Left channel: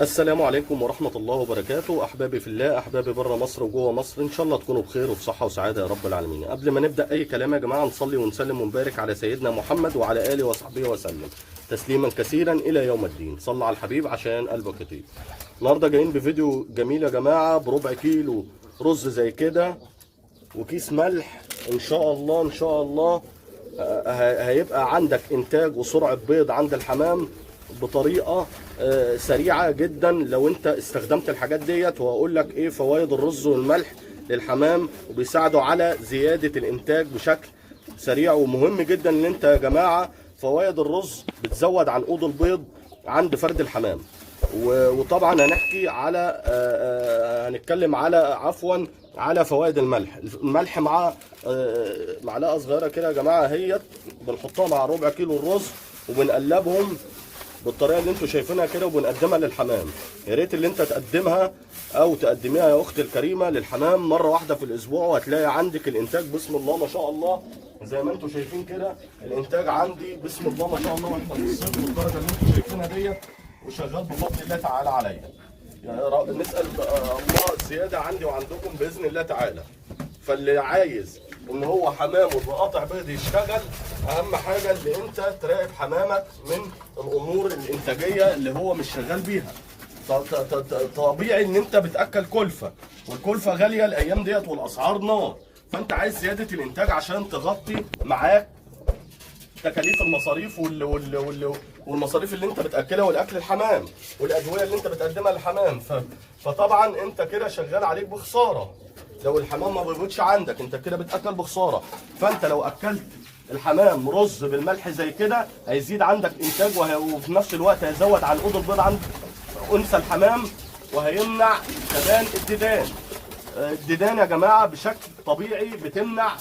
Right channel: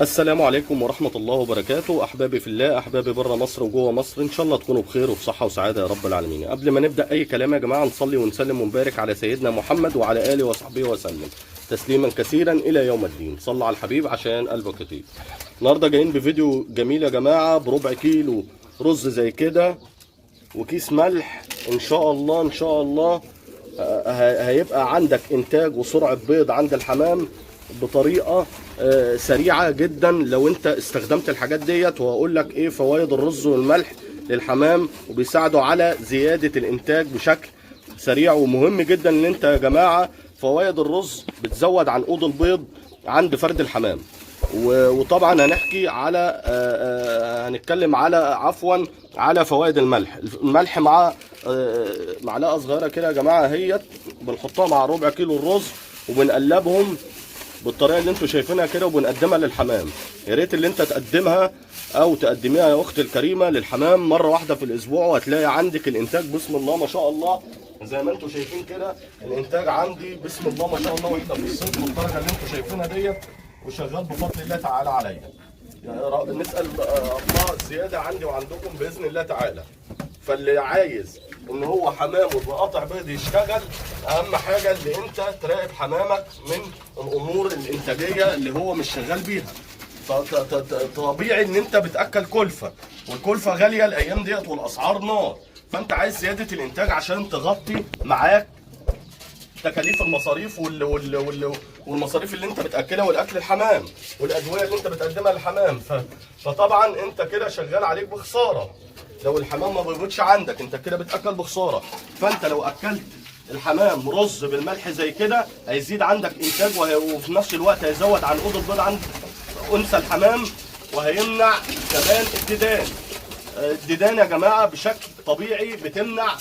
السلام عليكم ورحمة الله وبركاته. أحبابي في الله، أحبابي بره مصر وجوه مصر، إن شاء الله تكونوا بخير وبصحة وسعادة يا رب العالمين. قبل ما نبدأ أي كلام يا جماعة، نصلي ونسلم ونبارك على سيدنا محمد وعلى آله وصحبه وسلم تسليما كثيرا إلى يوم الدين. صلى على الحبيب عشان قلبك يطيب. النهارده جايين بفيديو جميل يا جماعة، بربع كيلو رز زي كده وكيس ملح. إن شاء الله إن شاء الله هيبقى عندك إنتاج وسرعة بيض عند الحمام بطريقه سريعه جدا لو انت استخدمت الحاجات ديت. وهقول لك ايه فوائد الرز والملح للحمام، وبيساعدوا على زياده الانتاج بشكل سريع. ومهم جدا ان انت يا جماعه، فوائد الرز بتزود عنقود البيض عند فرد الحمام. وطبعا هنحكي على هنتكلم على فوائد الملح. الملح مع معلقه صغيره كده يا جماعه، هي بنحطها مع ربع كيلو الرز وبنقلبهم بالطريقه اللي انتوا شايفينها كده، وبنقدمها للحمام. يا ريت اللي انت تقدمها او تقدميها يا اختي الكريمه للحمام مره واحده في الاسبوع، وهتلاقي عندك الانتاج بسم الله ما شاء الله. زي ما انتوا شايفين كده الانتاج عندي بسم الله ما شاء الله، واحنا في الصيف بالدرجه اللي انتوا شايفينها ديت، وشغال بفضل الله تعالى عليا. يعني نسال الله زياده عندي وعندكم باذن الله تعالى. فاللي عايز ان هو حمامه بقطع بيض يشتغل، اهم حاجه اللي انت تراقب حمامك من الامور الانتاجيه اللي هو مش شغال بيها. طبيعي ان انت بتاكل كلفه، والكلفه غاليه الايام ديت والاسعار نار. فانت عايز زياده الانتاج عشان تغطي معاك تكاليف المصاريف والمصاريف اللي انت بتاكلها، والاكل الحمام، والادويه اللي انت بتقدمها للحمام. فطبعا انت كده شغال عليك بخساره. لو الحمام ما بيبيضش عندك انت كده بتاكل بخساره. فانت لو اكلت الحمام رز بالملح زي كده، هيزيد عندك انتاج، وفي نفس الوقت هيزود عنقود البيض عند انثى الحمام، وهيمنع كمان الديدان. الديدان يا جماعه بشكل طبيعي بتمنع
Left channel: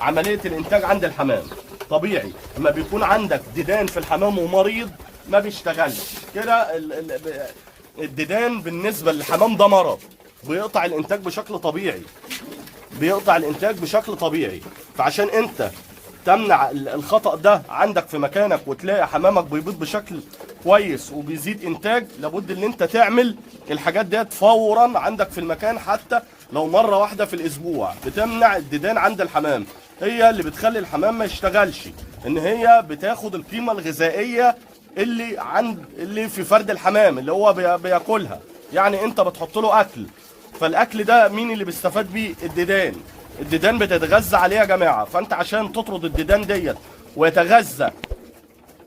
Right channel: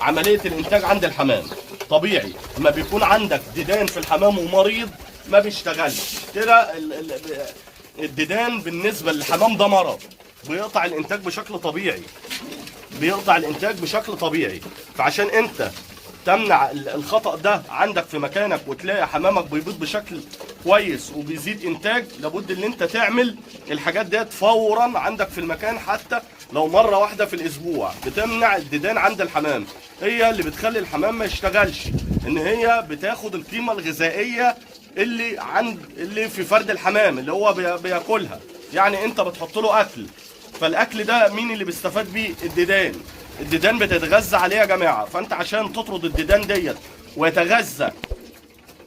عمليه الانتاج عند الحمام. طبيعي لما بيكون عندك ديدان في الحمام ومريض ما بيشتغلش كده. الديدان بالنسبه للحمام ده مرض، بيقطع الانتاج بشكل طبيعي، بيقطع الانتاج بشكل طبيعي. فعشان انت تمنع الخطأ ده عندك في مكانك، وتلاقي حمامك بيبيض بشكل كويس وبيزيد انتاج، لابد ان انت تعمل الحاجات ديت فورا عندك في المكان، حتى لو مره واحده في الاسبوع. بتمنع الديدان عند الحمام، هي اللي بتخلي الحمام ما يشتغلش، ان هي بتاخد القيمه الغذائيه اللي في فرد الحمام اللي هو بياكلها. يعني انت بتحط له اكل، فالاكل ده مين اللي بيستفاد بيه؟ الديدان بتتغذى عليه يا جماعه. فانت عشان تطرد الديدان ديت ويتغذى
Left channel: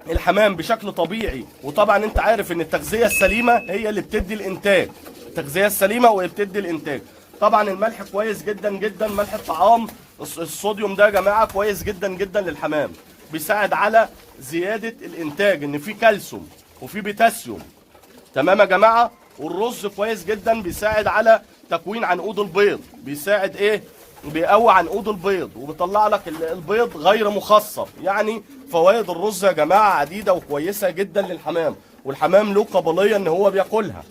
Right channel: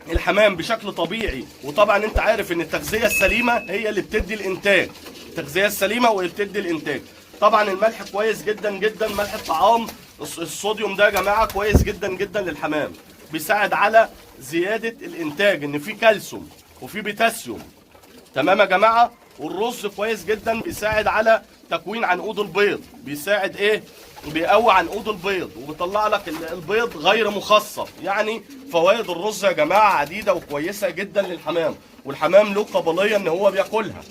الحمام بشكل طبيعي، وطبعا انت عارف ان التغذيه السليمه هي اللي بتدي الانتاج، التغذيه السليمه وهي بتدي الانتاج. طبعا الملح كويس جدا جدا، ملح الطعام الصوديوم ده يا جماعه كويس جدا جدا للحمام، بيساعد على زياده الانتاج، ان في كالسيوم وفي بوتاسيوم. تمام يا جماعه. والرز كويس جدا، بيساعد على تكوين عنقود البيض، بيساعد ايه؟ بيقوي عنقود البيض، وبيطلع لك البيض غير مخصب. يعني فوائد الرز يا جماعه عديده وكويسه جدا للحمام، والحمام له قابليه ان هو بياكلها.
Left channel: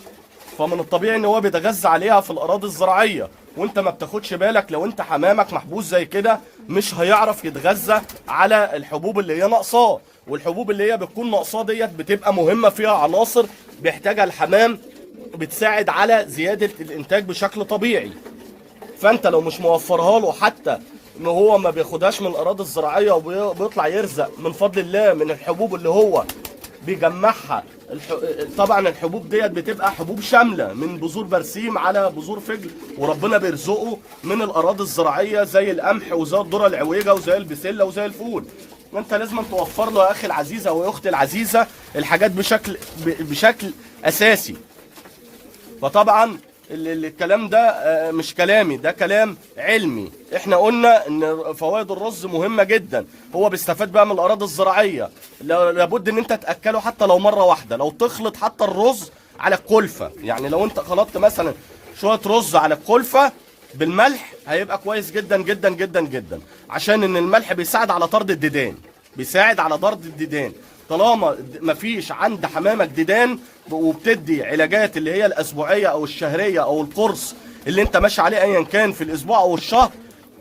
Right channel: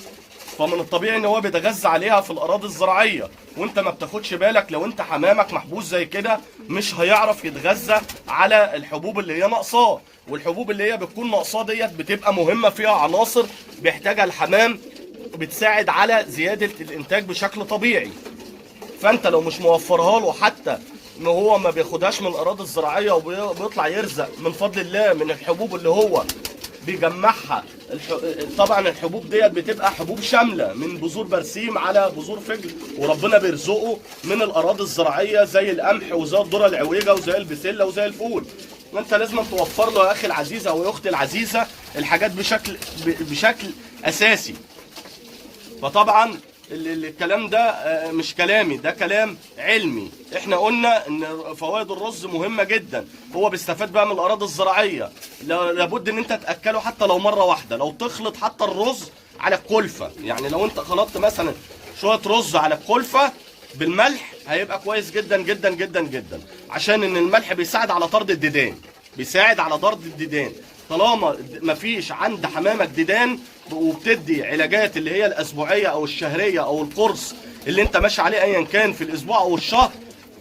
فمن الطبيعي ان هو بيتغذى عليها في الاراضي الزراعيه، وانت ما بتاخدش بالك. لو انت حمامك محبوس زي كده مش هيعرف يتغذى على الحبوب اللي هي ناقصاه، والحبوب اللي هي بتكون ناقصاه ديت بتبقى مهمه، فيها عناصر بيحتاجها الحمام، بتساعد على زياده الانتاج بشكل طبيعي. فانت لو مش موفرها له، حتى ان هو ما بياخدهاش من الاراضي الزراعيه وبيطلع يرزق من فضل الله من الحبوب اللي هو بيجمعها. طبعا الحبوب ديت بتبقى حبوب شامله، من بذور برسيم على بذور فجل، وربنا بيرزقه من الاراضي الزراعيه زي القمح وزي الذره العويجه وزي البسله وزي الفول. انت لازم توفر له يا اخي العزيز او يا اختي العزيزه الحاجات بشكل اساسي. فطبعا الكلام ده مش كلامي، ده كلام علمي. احنا قلنا ان فوائد الرز مهمه جدا، هو بيستفاد بقى من الاراضي الزراعيه. لابد ان انت تاكله حتى لو مره واحده، لو تخلط حتى الرز على الكلفه. يعني لو انت خلطت مثلا شويه رز على الكلفه بالملح، هيبقى كويس جدا جدا جدا جدا، عشان ان الملح بيساعد على طرد الديدان، بيساعد على طرد الديدان. طالما مفيش عند حمامك ديدان، وبتدي علاجات اللي هي الاسبوعيه او الشهريه او القرص اللي انت ماشي عليه ايا كان في الاسبوع او الشهر،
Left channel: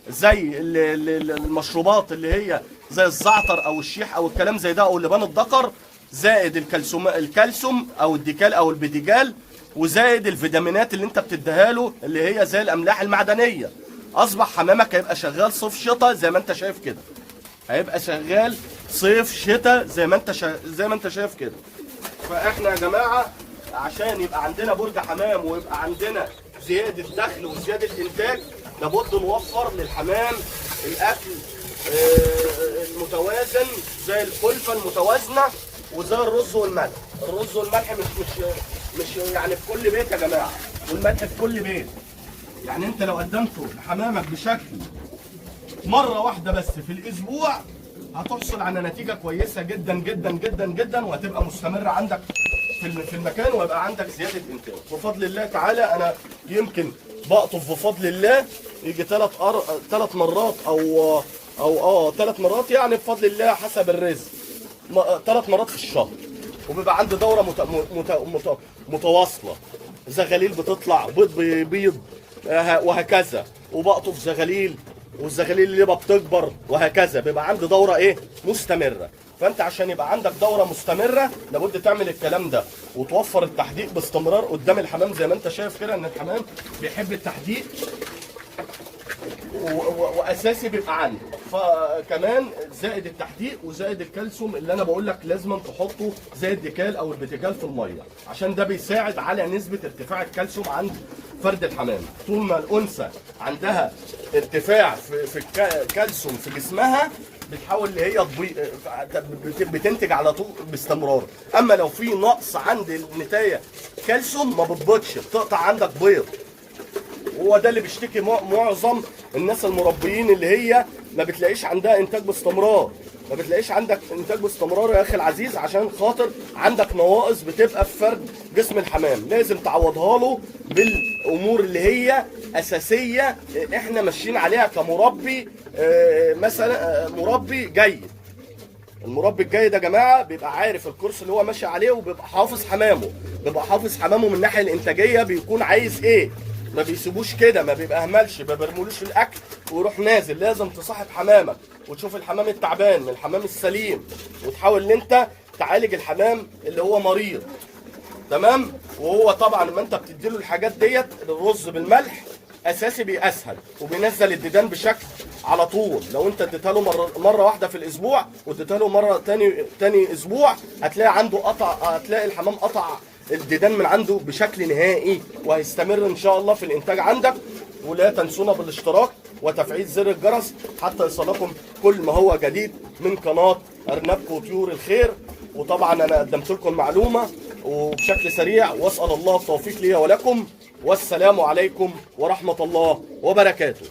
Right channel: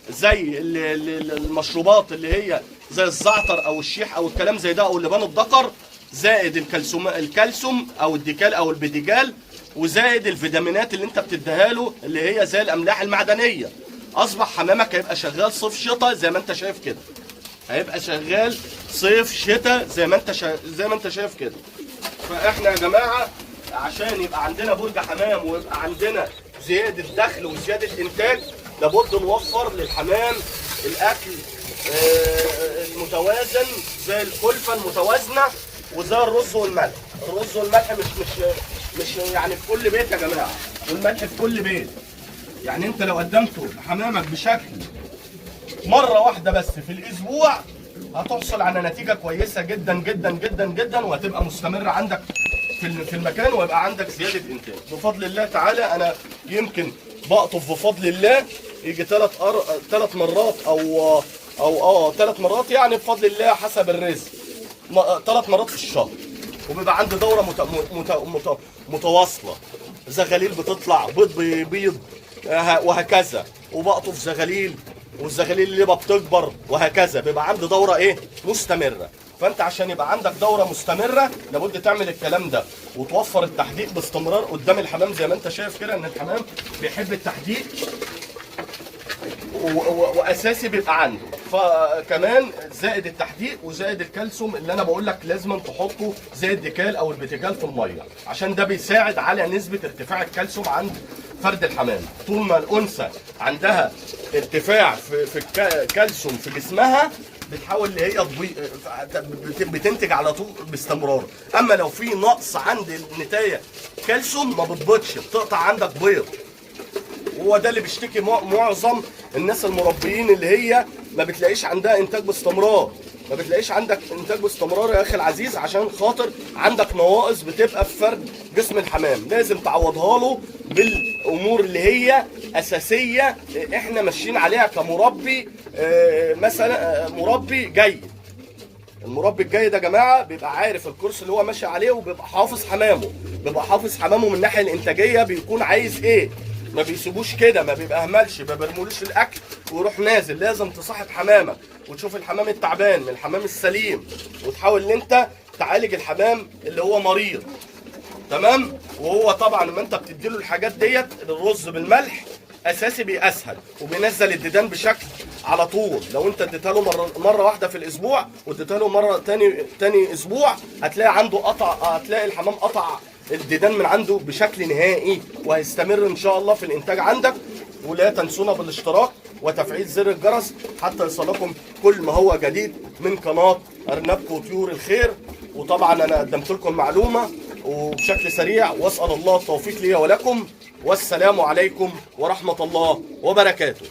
زي المشروبات اللي هي زي الزعتر او الشيح او الكلام زي ده او اللبان الذكر، زائد الكالسيوم او الديكال او البيديجال، وزائد الفيتامينات اللي انت بتديها له اللي هي زي الاملاح المعدنيه. اصبح حمامك هيبقى شغال صيف شتاء زي ما انت شايف كده، هيبقى شغال صيف شتاء زي ما انت شايف كده. فاحنا يا جماعه عشان يبقى عندنا برج حمام ويبقى عندنا زياده دخل وزياده انتاج، لابد نوفر للحمام الاكل المتوازن، زي الكلفه المتوازنه وزي الرز والملح. الرز والملح مش يعني في كل بيت يا جماعه، والملح في كل بيت. يعني انت لو قدمته لحمامك بشكل مره واحده بس في الاسبوع هتحصل على نتيجه كويسه جدا جدا جدا جدا، وهتبقى مستمره عندك في المكان، ويبقى عندك زياده انتاج بفضل الله تعالى. انا يمكن بقطف بفضل الله يجي ثلاث مرات او 3 مرات يعني بفضل الله حسب الرزق، 3 مرات في الشهر. وبيبقى عندي دوره متواصله، زغاليل بتطلع، بيض بيبيض، وهكذا. وبقطف زغاليل، والزغاليل اللي بتكبر، وهكذا. بيبقى عندي دوره مستمره. فانت عشان يبقى عندك دوره مستمره لابد تعمل الكلام ده، وتوفر التحديق باستمرار قدام الحمام. زي ما انت شايف كده ان الحمام بيحب التحديق، واساسي بيبقى عنده. فكمان زائد التحديق وزائد الكالسيوم اللي انا بقول لك لازم تحطه زي الديكال او البيتيجال في الميه، عشان ده بيساعد على نسبه ارتفاع الكالسيوم عند فرد الحمام. طول ما الانثى عندها ارتفاع في الكالسيوم في جسمها بتحاول اللي هي بتنتج على طول باستمرار. اما لو في نقص عند النتايه كالسيوم ما بتبيضش، بتقطع عندك بيض. وهو ده اللي بيشتكي معظم الناس المربيين، اللي هي ما بتلاقيش عندها انتاج باستمرار. ما بتلاقيش عندك انتاج باستمرار يا اخي العزيز، عشان خاطر عندك نواقص بتبقى في فرد جسم الحمام، لازم تعوضها له بالامور اللي هي اساسيه احنا ماشيين عليها كمربي. مثلا مربي جيد، المربي الجيد يا جماعه بيبقى عارف الكورس اللي هو ماشي عليه، وبيبقى حافظ حمامه، من الناحيه الانتاجيه بيكون عايز ايه. ما بيسيبوش كده، ما بيبهملش، ما بيرمولوش الاكل ويروح نازل. لازم تصاحب حمامك وتشوف الحمام التعبان من الحمام السليم، وتحاول ان انت تعالج الحمام اللي هو مريض. تمام. وهو طبعا لما انت بتديله الحاجات ديت، الرز بالملح اساسي بيسهل وبينزل الديدان بشكل على طول. لو انت اديتها له مره واحده في الاسبوع واديتها له مره تاني اسبوع، هتلاقي عنده هتلاقي الحمام قطع الديدان من عنده بشكل نهائي، وهيستمر ان شاء الله في الانتاج عندك. ولا تنسونا بالاشتراك وتفعيل زر الجرس حتى يصلكم كل ما هو جديد من قناه ارنبكم وطيور الخير. وطبعا انا قدمت لكم معلومه وبشكل سريع، واسال الله التوفيق لي ولكم، والسلام عليكم ورحمه الله وبركاته.